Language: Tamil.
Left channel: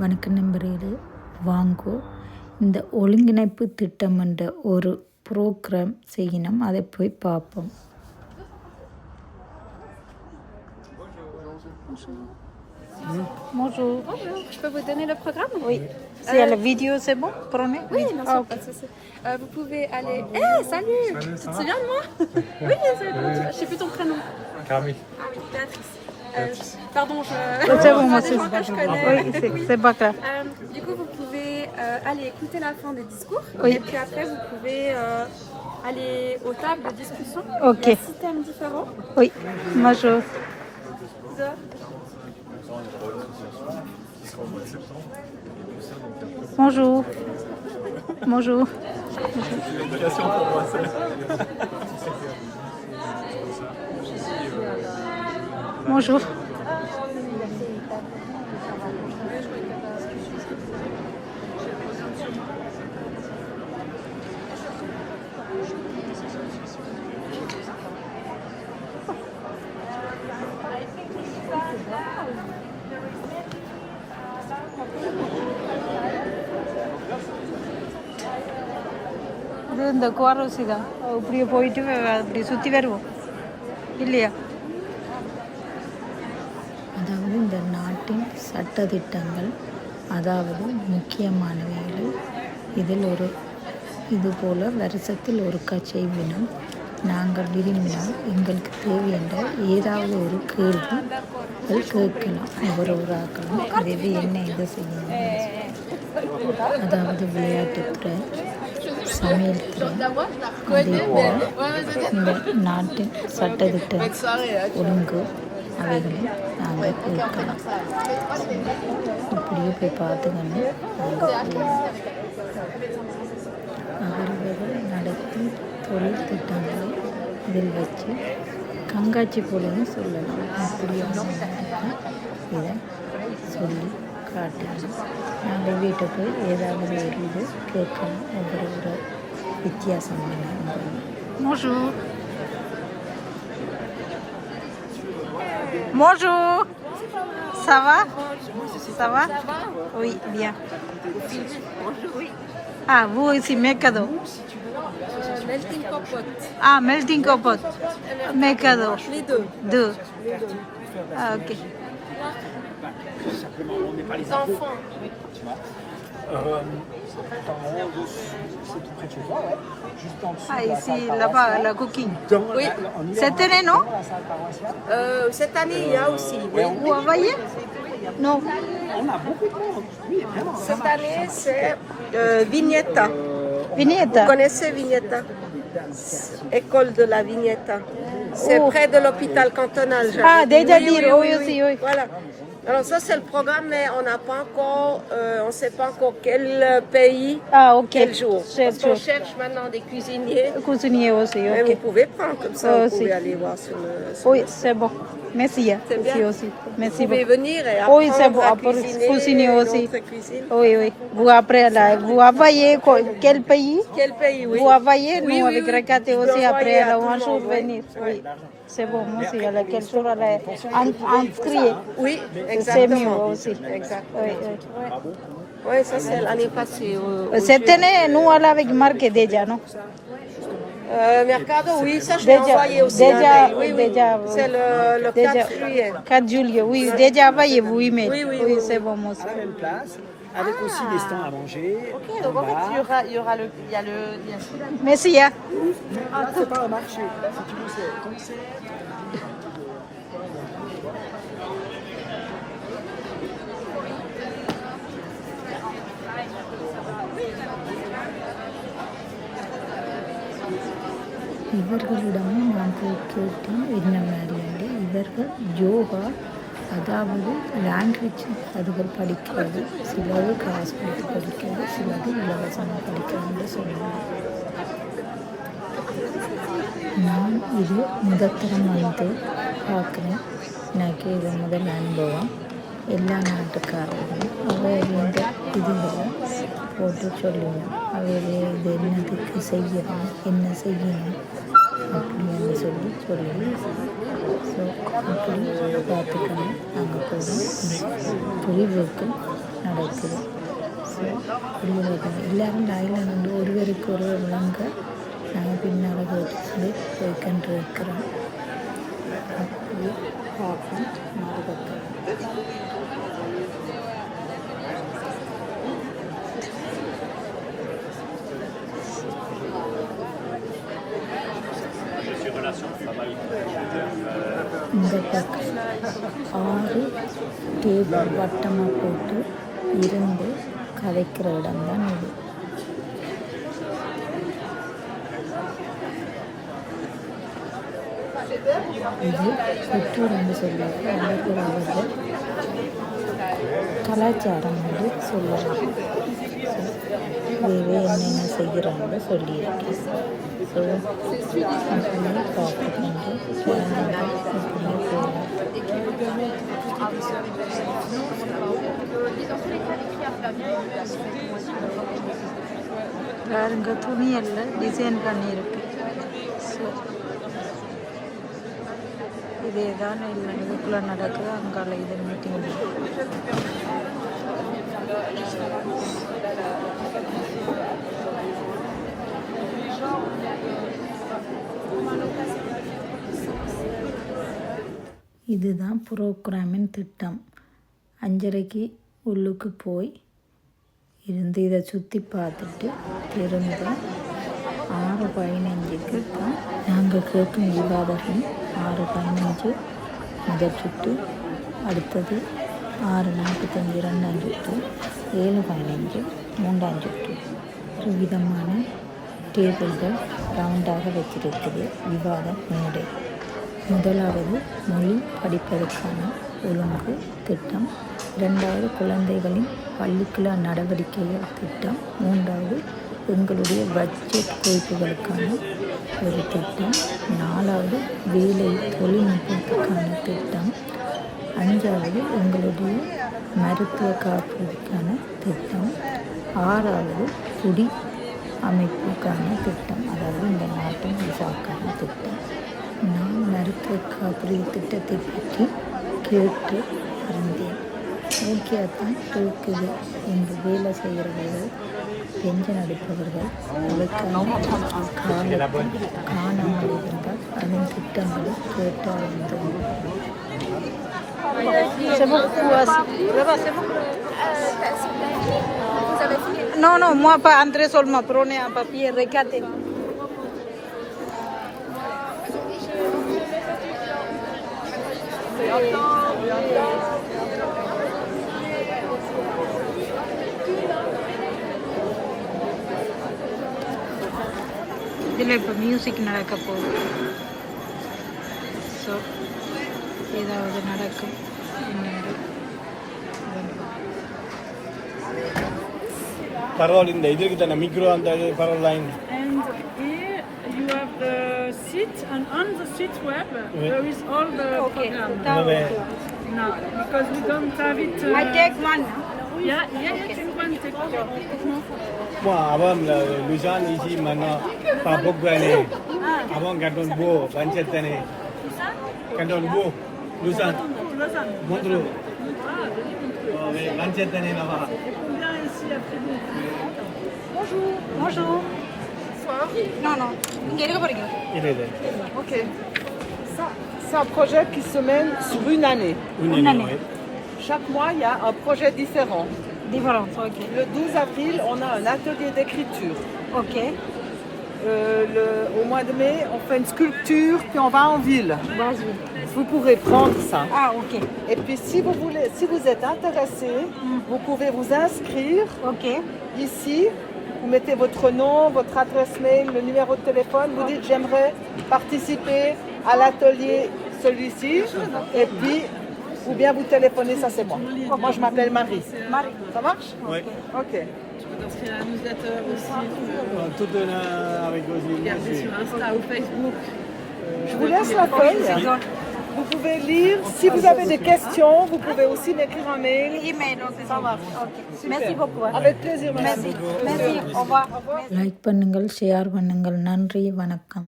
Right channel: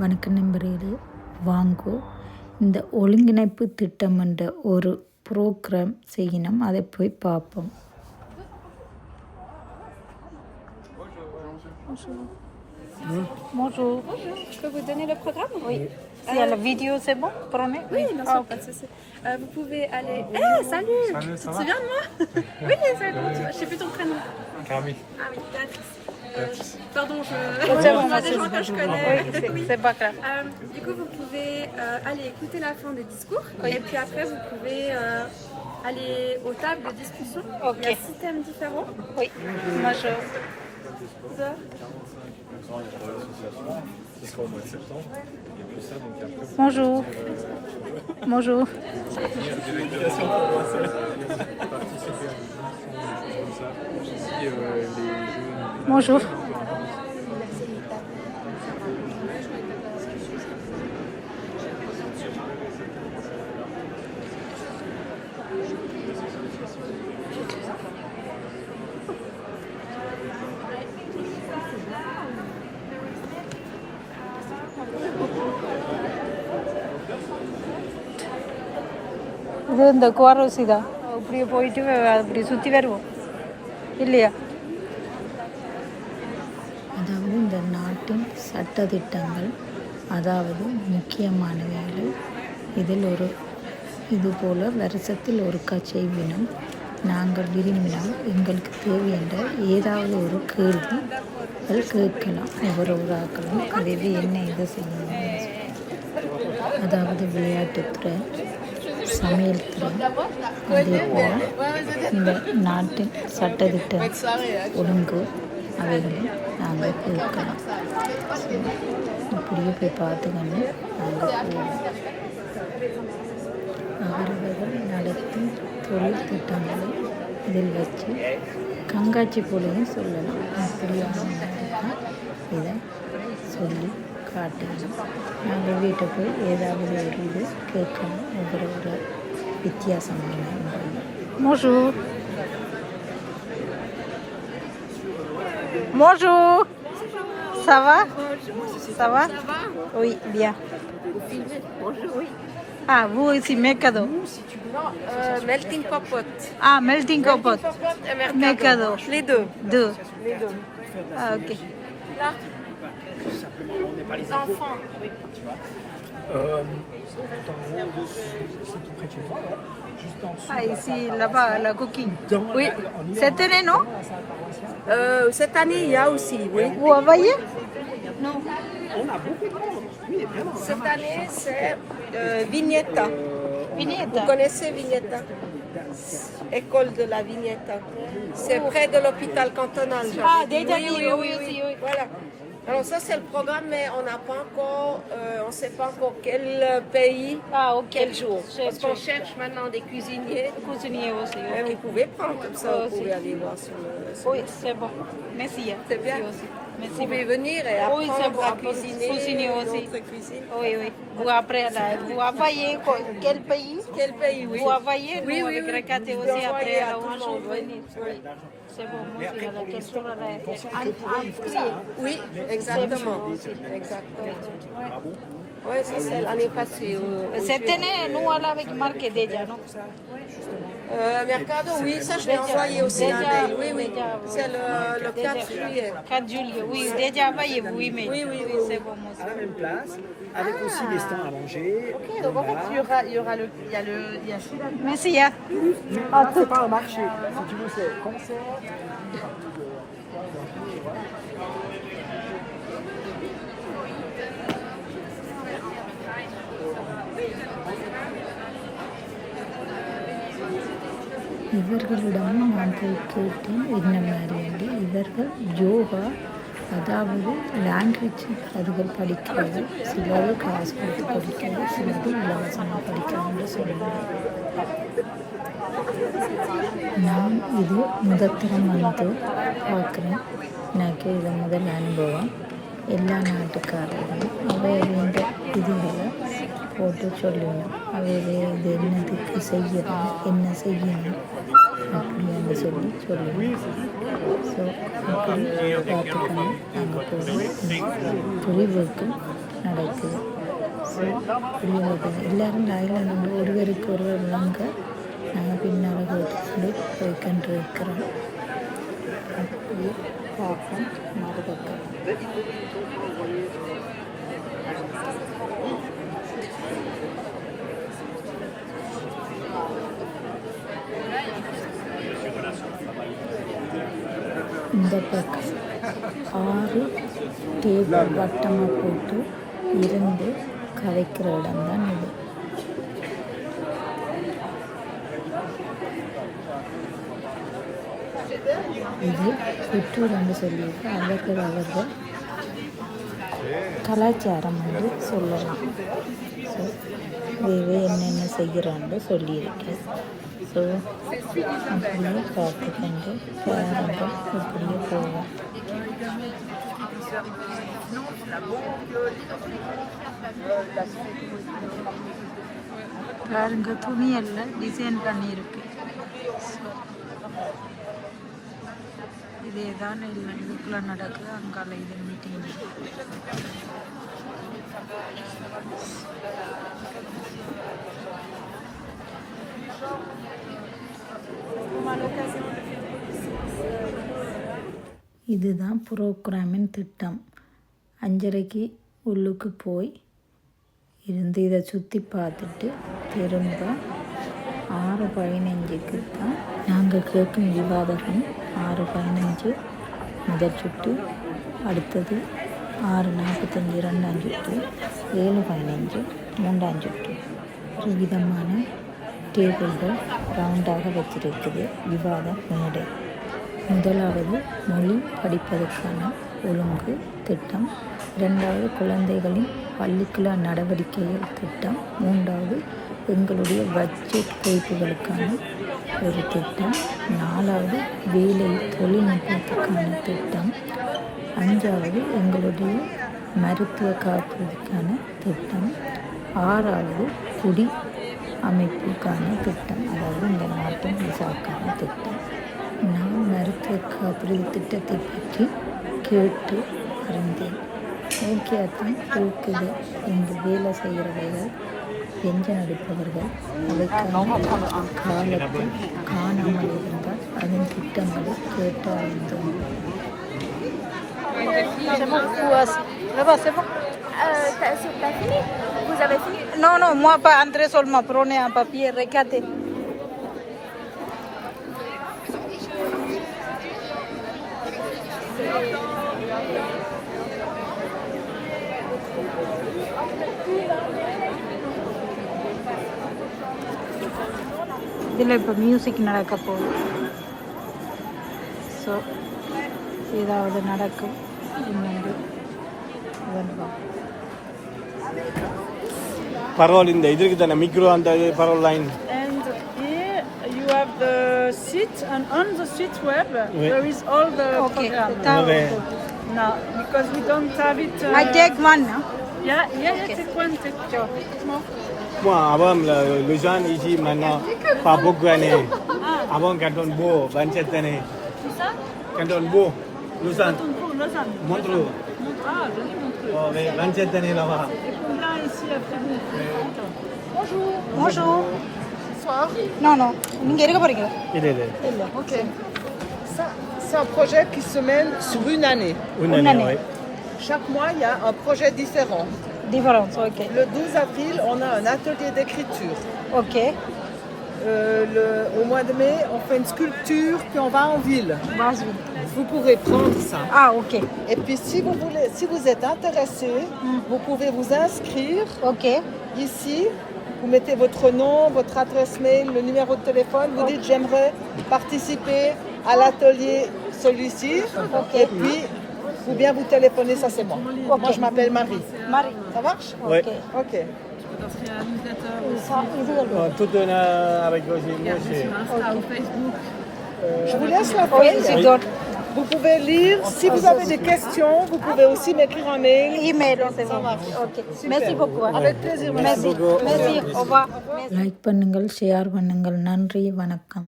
வணக்க நண்பர்களே வாங்கோ இந்த ஒருங்கிணைப்பு திட்டம் என்ற ஒரு ப்ரோக்ராம் செய்யணும் அதை போய் பார்ப்போம் Bonjour. Je peux vous donner le programme Oui. Si à la vidéo, c'est bon Prenez Oui, bien sûr, Ah, ok. pas de souci. Euh, vous pouvez aller. Eh, salut, Tu te souviens de moi Oui, c'est comment tu Je sais plus ton prénom. Carmi. Ah oui, Béatrice. Euh, pardon, je. c'est bon, c'est bon. Oui, c'est- c'est pas grave. Euh, du coup, vous pouvez euh, aller écouter la fin des discours. Oui. Et puis après, vous pouvez euh, aller aux tables de discussion. Ok. Il y a six thèmes différents. Oui. Bonjour. Bonjour. Bonjour. இது இந்த குவாரோசி தான் இப்படியே போயிட்டு அப்படி சுற்றி வருவோம் இல்லையா நாட்டின் சட்டதிட்டங்கள் அதாவது முக்கியமானவைகளை இதில் ஒரு இதுபோல் வருஷத்தில் ஒருக்கா வினம் நாங்கள் விரும்பினால் எங்களுக்கு தேவையென்ற ஏதாவது ஒரு கேள்விகள் கேட்கலாம். ஒவ்வொரு ஆக்களும் அது என்ன இதை செய்யணும் அதாவது விளையாட்டுத்துறை சமையல் துறை அதே போல் இந்த நாட்டின் சட்டத்திட்ட ஒழுங்கு அவைகளை நாங்கள் கேட்கலாம் ஸோ இப்படியே போய் பார்த்துக்கண்டு நாங்கள் போவோம். அவரவர்கள் நடத்தும் தொழில் திட்டங்களை இதில் வச்சு கண்காட்சி போலையும் சொல்லலாம். அப்படியான மாதிரி தான் இதை சொல்லி காட்டுகிறோம். நாங்கள் வீட்டை போய் ஏதாவது ஒரு இது கேட்கலாம். ஒவ்வொரு ஒரு வித்தியாசமான முறையில். Bonjour. Bonjour. Ça va? Ça va? Oui, bien. Bonjour, oui. Ah, vous aussi, Mercado. Euh, melting Popote. Ah, Melting Pot. Popote et Mercado. Les deux. Deux. Les deux. Ah, ok. Les enfants. Ah, ici, là-bas, la coquille. oui. Cette année, non euh, Cette année, il y a aussi, oui. Vous voyez Non. Oui. Cette année, c'est euh, Vignetta. Vignetta. Vous connaissez Vignetta? École de la Vignetta. C'est oh. près de l'hôpital cantonal. Ah, déjà dit, oui, oui, oui, oui. Voilà. Alors ça, c'est le programme, mais on n'a pas encore, euh, on ne sait pas encore quel pays, Ah, ok. quel jour. Parce qu'on cherche maintenant des cuisiniers. Cuisinier aussi, Mais ok. vous pouvez prendre comme ça, vous pouvez aller voir sur le... sur Oui, c'est bon. Merci. hein. C'est bien. Merci aussi. Vous pouvez venir et Oui, apprendre c'est bon, à cuisiner, cuisiner aussi. cuisine. Oui, oui. Vous après, là, vous envoyez quoi- quel pays? Quel pays, oui Vous envoyez, Oui, nous, oui, oui. Aussi, après, monde, oui. venir. Oui. c'est bon, moi aussi, Oui, exactement. Exactement. Oui, ça c'est l'année passée. Cette nous, on déjà, non Euh, Mercado, oui, ça je l'ai envoyé aussi. déjà, oui, oui. déjà, oui. C'est le, le 4 Déjà, juillet. 4 juillet, oui, déjà envoyé vous email. Oui, oui, oui, c'est bon, moi aussi. à la même place, avec aussi des stands à manger. Donc en fait, il y aura, il y aura le, il y a le, il y a. Merci, hein. Ah, c'est pas un marché, si tu veux, c'est concert. இவர்களிடமும் நான் போய் கேட்டேன் என்ன மாதிரியாண்டு இவர்கள் யோகா அதாவது லாங்குவேஜ் அதுகள் படிக்கிறது சிலது காசு கொடுத்து படிக்கிறது சிலது இலவசமாக படிக்கிறான்னு சொன்னாங்க நான் இது முதத்தரம் வந்து பார்க்குறேன். எனக்கு இது முதல் அனுபவம். எல்லா நாட்டுக்காரர்களும் அவையவேண்ட இதுகளை போட்டு சொல்லிடணும் அவையவே இது என்னதுக்கு செய்யணும் என்ன செய்யணும்? சொல்லி சொல்லி. ஸோ அப்படி பார்த்துக்கணும் நாங்கள் போகிறோம் புரிவுக்கு நடக்குது. ஸோ அப்படியே வருது எல்லாரும் லைனில் நின்று ஒருவருக்கு ஒருவர் விளங்க நாங்கள் பின்னால் கேட்டுக்கொண்டு போய்கொண்டு இருக்கிறோம் அப்படியே பார்ப்போம். மறுபக்கம். இந்த பக்கம் ஆறு டேபிள் வட்டமாக போட்டு இருந்து கதைக்கிற இடம்தான் இது. இது குற்றூர் என்று சொல்லியிருக்கு அவர்கள் அவர்கள் கலாச்சாரம் என்று சொல்லலாம். ஸோ வேவே என்னென்ன செய்கிறான்னு சொல்லியிருக்கேன் ஸோ அப்படியே பார்த்துக்கொண்டு பாருங்கள் இப்படியே போவோம் பாருங்க துணி எல்லாம் டிசைன் பண்ணியிருக்கு. ஸோ இதே தான் இல்லை இதுக்குள்ளே நடக்குது. அங்கால இது மீட்டிங் இதுதான் புரோகிராமின் திட்டம். அஞ்சரைக்கு உள்ளுக்கு போய் இருந்து இதை சுற்றி பார்த்துட்டு திரும்ப ஆறு பதினஞ்சுக்கு தான் நாங்கள் கேட்கும் விவாதம் ஆறு பதினஞ்சு முதல் சுட்டு அடுத்தது ஆறு நாற்பத்தஞ்சு ரெண்டாம் சுற்று ஏழு பதினஞ்சு மூன்றாம் சுற்று. ஒரு விதமான டேபிள்கள் ரவுண்டாக வச்சிருக்குது. விவாத மேடை. முதலாவது மொழி படிப்பதற்கான ஒழுங்கு திட்டம். இரண்டாவது குழந்தைகளின் பள்ளிக்குழா நடவடிக்கைகள் திட்டம். மூன்றாவது எங்களுடைய பட்ஜெட் குறிப்புகளுக்கான ஒரு திட்டம். நாலாவது வேலை தொழில்நுட்பத்துக்கான திட்டம். அஞ்சாவது எங்களுடைய மருத்துவ காப்பீடுக்கான திட்டம். ஆறாவது குடி அமைப்புக்கான திட்டம். அதாவது இந்த நாட்டின் விசாக்கான திட்டம். நான் மருத்துவ காப்பீடு திட்டத்தை பற்றி கேட்டு அறிந்தேன் ஓகே தான் இருக்குது இங்கு வேலை செய்கிறவர்கள் பெஞ்சன் அடிப்பவர்கள் அவைக்கான காலத்தில் காணாமல் இருந்தால் அதன் திட்டங்களை கேட்டு அறிந்தோம் Non, non, moi pas André seulement, prenez un papier, regardez. இதில் இப்போ மியூசிக் நடக்க போகுது. ஸோ ஏதாவது நடக்கும். என்னென்று வந்து பார்ப்போம். Parole in the idrik the seat, and on the seat web there is all the Okay, program. Now, because we don't have it. Uh, I take one, no? Yeah, yeah, take one, take one. Avant le Jean ici maintenant, pas beaucoup d'années. Avant Canton Beau, 27 années. Beau, Lausanne, Montreux. Oh, mais 27 années là-bas. Bonjour. Non, non. Il est là. Ok. Ça, c'est un projet qui se mène sur une année. Une, année. Chaque mois, il y a un projet différent. Différent, ok. Le 12 avril, on a un atelier d'écriture. Ok. Euh, le- au mois de mai, on fait une sculpture, puis on va en ville. Vas-y. Vous pourrez prendre ça. Ah, ok. Et puis, si vous, voulez, si vous êtes intéressé, vous pouvez vous inscrire Ok. ici vous mettez votre nom, votre adresse mail, le numéro de téléphone. Vous dites j'aimerais participer à l'atelier celui-ci. Et puis, ou bien vous téléphonez, ça c'est moi. Moi je m'appelle Marie. Marie. Ça marche? Ok. Tout avec aussi. Je vous laisse la Oui, feuille. c'est d'autres. Vous pouvez lire. Si vous avez des questions, vous pouvez aussi m'écrire un mail. Email, c'est Ça bon. marche. Ok. Merci beaucoup. hein. Avec plaisir. madame. Merci. Merci. Au revoir. Like பண்ணுங்கள் ஷேர் பண்ணுங்கள் நன்றி வணக்கம்